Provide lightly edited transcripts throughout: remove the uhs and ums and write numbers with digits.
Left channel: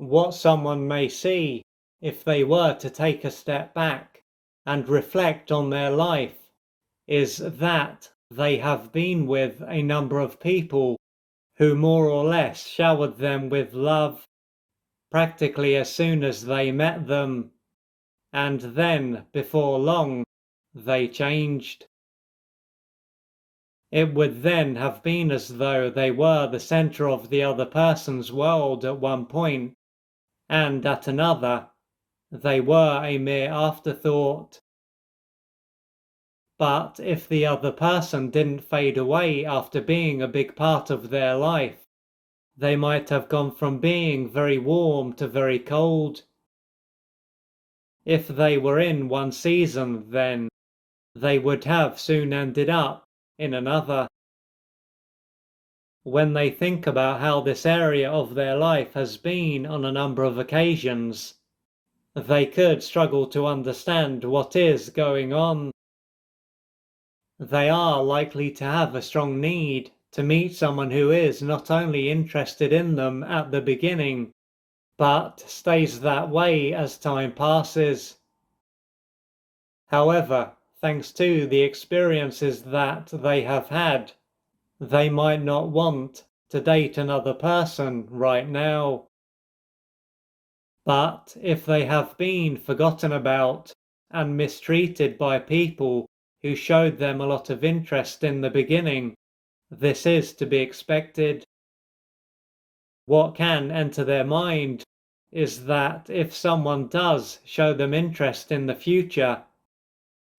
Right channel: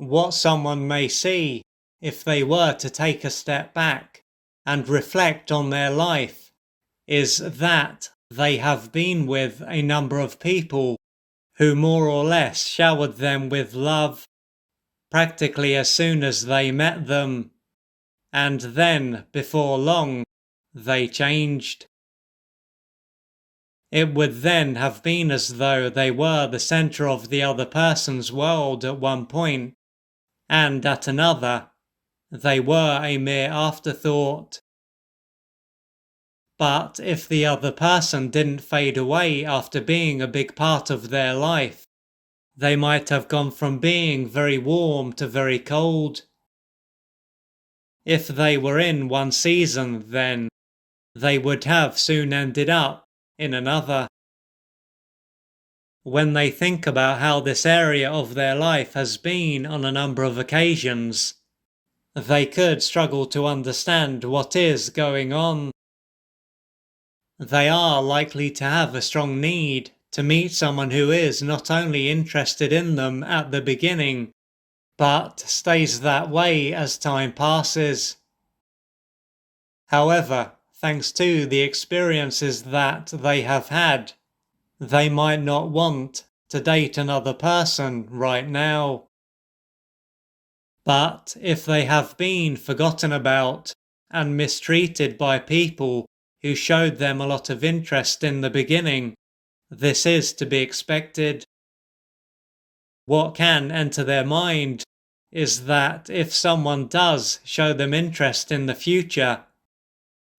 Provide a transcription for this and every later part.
What someone may see if they were to take a step back and reflect on their life is that they have been with a number of people who more or less showered them with love practically as soon as they met them, and then, before long, they changed. It would then have been as though they were the center of the other person's world at one point, and at another, they were a mere afterthought. But if the other person didn't fade away after being a big part of their life, they might have gone from being very warm to very cold. If they were in one season, then they would have soon ended up in another. When they think about how this area of their life has been on a number of occasions, they could struggle to understand what is going on. They are likely to have a strong need to meet someone who is not only interested in them at the beginning, but stays that way as time passes. However, thanks to the experiences that they have had, they might not want to date another person right now. But if they have been forgotten about and mistreated by people who showed them a lot of interest in the beginning, this is to be expected. What can enter their mind is that if someone does show them interest in the future,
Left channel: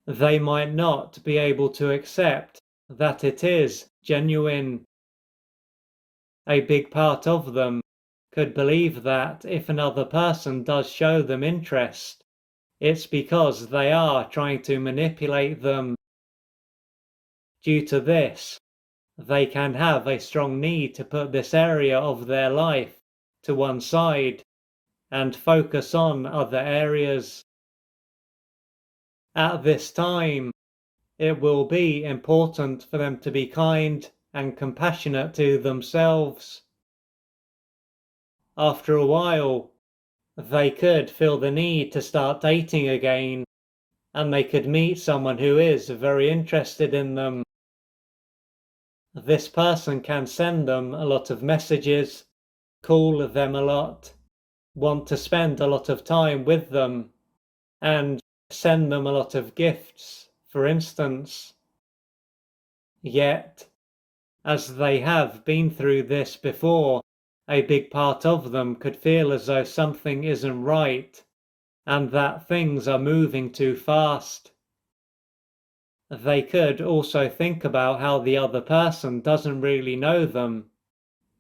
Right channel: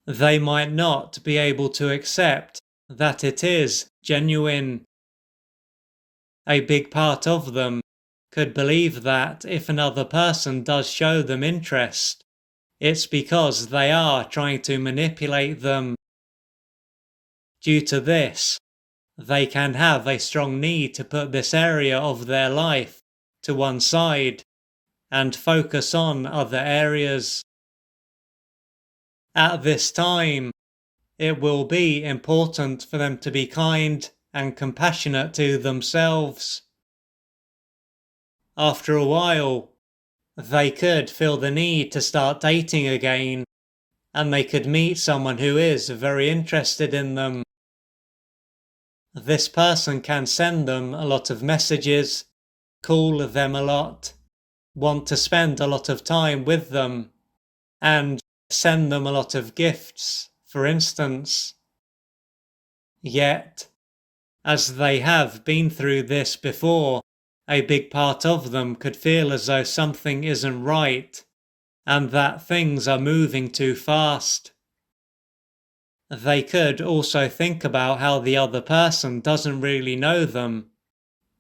they might not be able to accept that it is genuine. A big part of them could believe that if another person does show them interest, it's because they are trying to manipulate them. Due to this, they can have a strong need to put this area of their life to one side and focus on other areas. At this time, it will be important for them to be kind and compassionate to themselves. After a while, they could feel the need to start dating again, and they could meet someone who is very interested in them. This person can send them a lot of messages, call them a lot, want to spend a lot of time with them, and send them a lot of gifts, for instance. Yet, as they have been through this before, a big part of them could feel as though something isn't right and that things are moving too fast. They could also think about how the other person doesn't really know them,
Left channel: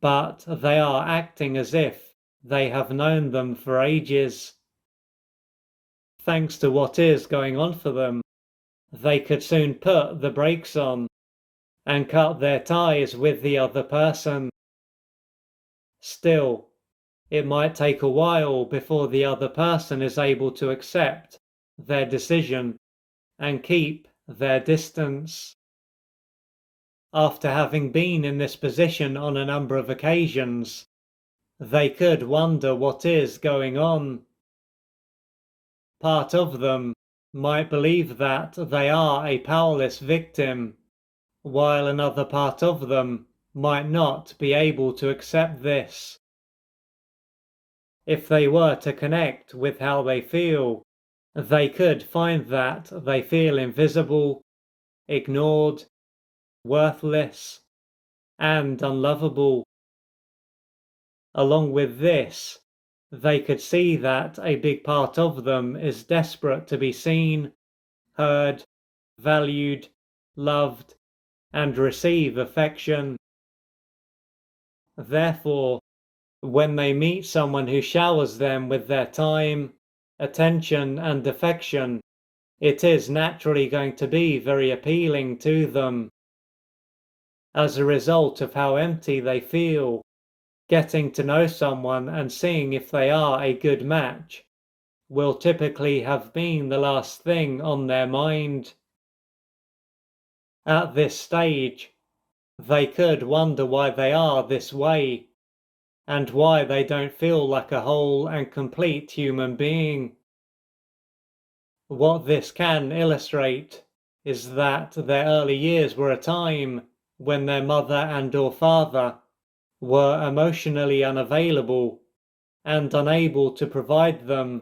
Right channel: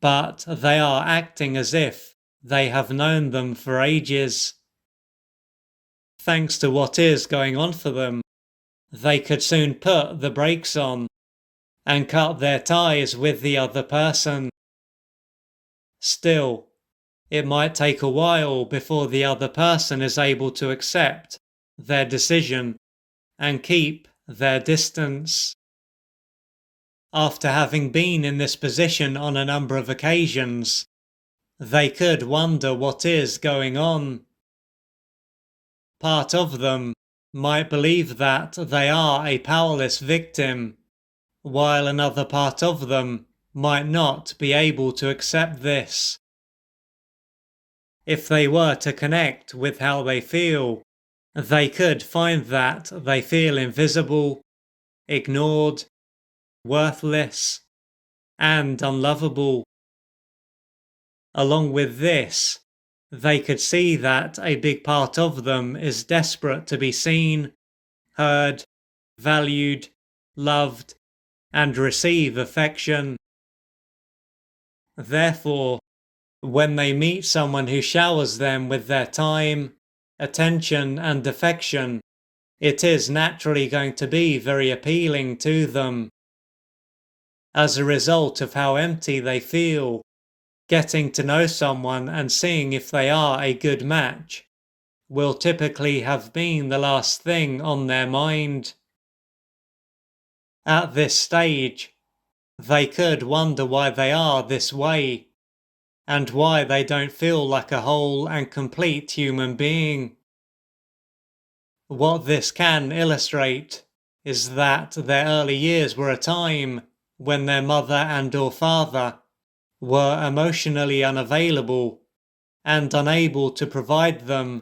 but they are acting as if they have known them for ages. Thanks to what is going on for them, they could soon put the brakes on and cut their ties with the other person. Still, it might take a while before the other person is able to accept their decision and keep their distance. After having been in this position on a number of occasions, they could wonder what is going on. Part of them might believe that they are a powerless victim, while another part of them might not be able to accept this. If they were to connect with how they feel, they could find that they feel invisible, ignored, worthless, and unlovable. Along with this, they could see that a big part of them is desperate to be seen, heard, valued, loved, and receive affection. Therefore, when they meet someone who showers them with their time, attention, and affection, it is naturally going to be very appealing to them. As a result of how empty they feel, getting to know someone and seeing if they are a good match will typically have been the last thing on their mind. At this stage, they could wonder why they are this way, and why they don't feel like a whole and complete human being. What this can illustrate is that their early years were a time when their mother and or father were emotionally unavailable and unable to provide them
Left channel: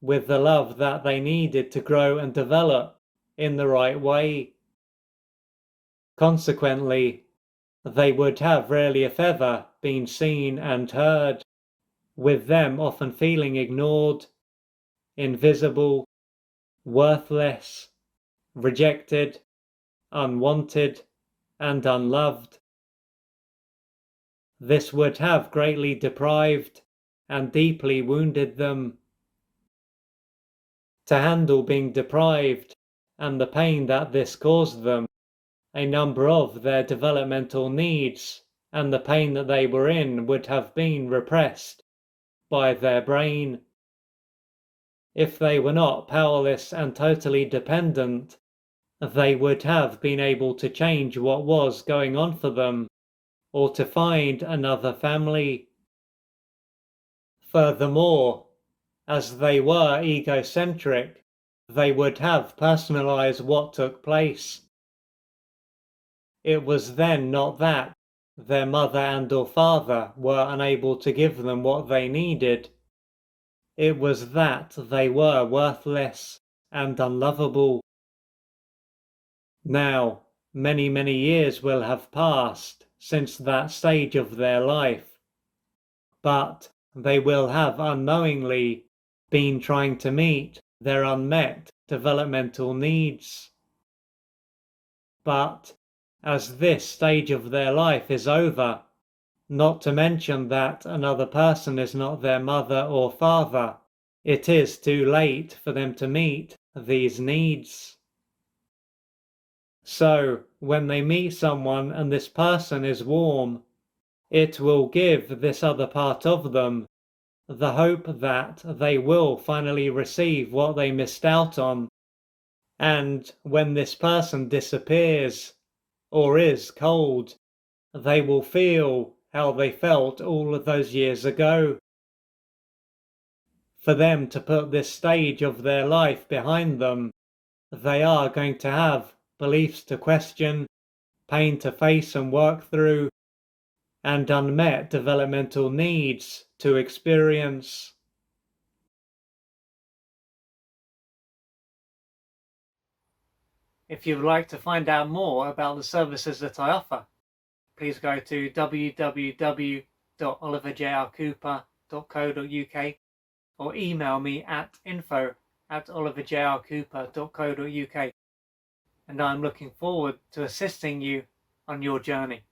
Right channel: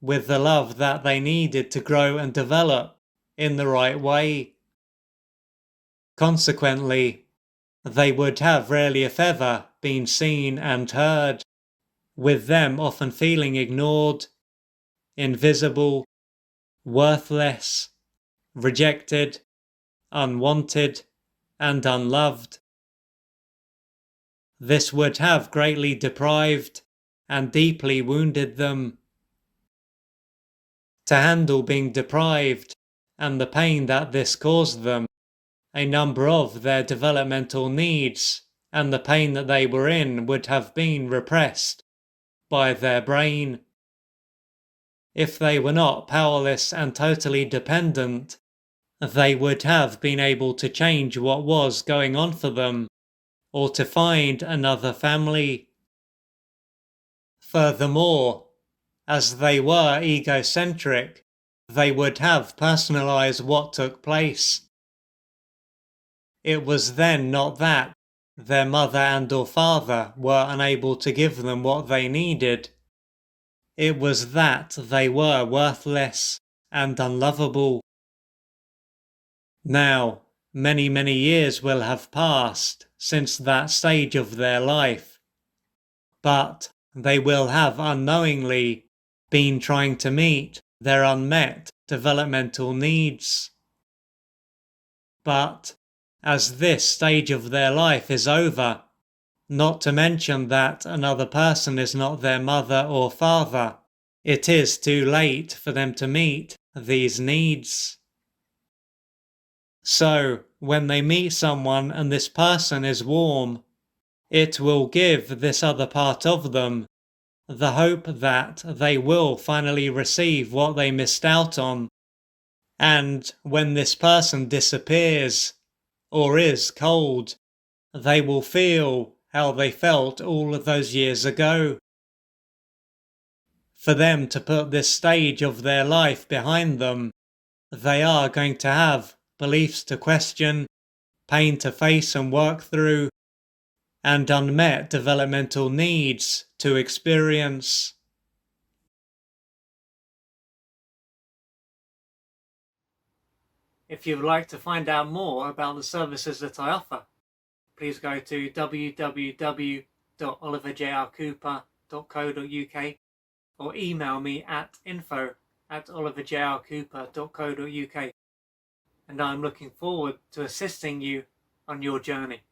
with the love that they needed to grow and develop in the right way. Consequently, they would have rarely if ever been seen and heard, with them often feeling ignored, invisible, worthless, rejected, unwanted, and unloved. This would have greatly deprived and deeply wounded them. To handle being deprived and the pain that this caused them, a number of their developmental needs and the pain that they were in would have been repressed by their brain. If they were not powerless and totally dependent, they would have been able to change what was going on for them, or to find another family. Furthermore, as they were egocentric, they would have personalized what took place. It was then not that their mother and or father were unable to give them what they needed. It was that they were worthless and unlovable. Now, many, many years will have passed since that stage of their life, but they will have unknowingly been trying to meet their unmet developmental needs. But as this stage of their life is over, not to mention that another person is not their mother or father, it is too late for them to meet these needs. So, when they meet someone and this person is warm, it will give this other part of them the hope that they will finally receive what they missed out on. And when this person disappears or is cold, they will feel how they felt all of those years ago. For them to put this stage of their life behind them, they are going to have beliefs to question, pain to face and work through, and unmet developmental needs to experience. If you'd like to find out more about the services that I offer, please go to www.oliverjrcooper.co.uk or email me at info@oliverjrcooper.co.uk, and I'm looking forward to assisting you on your journey.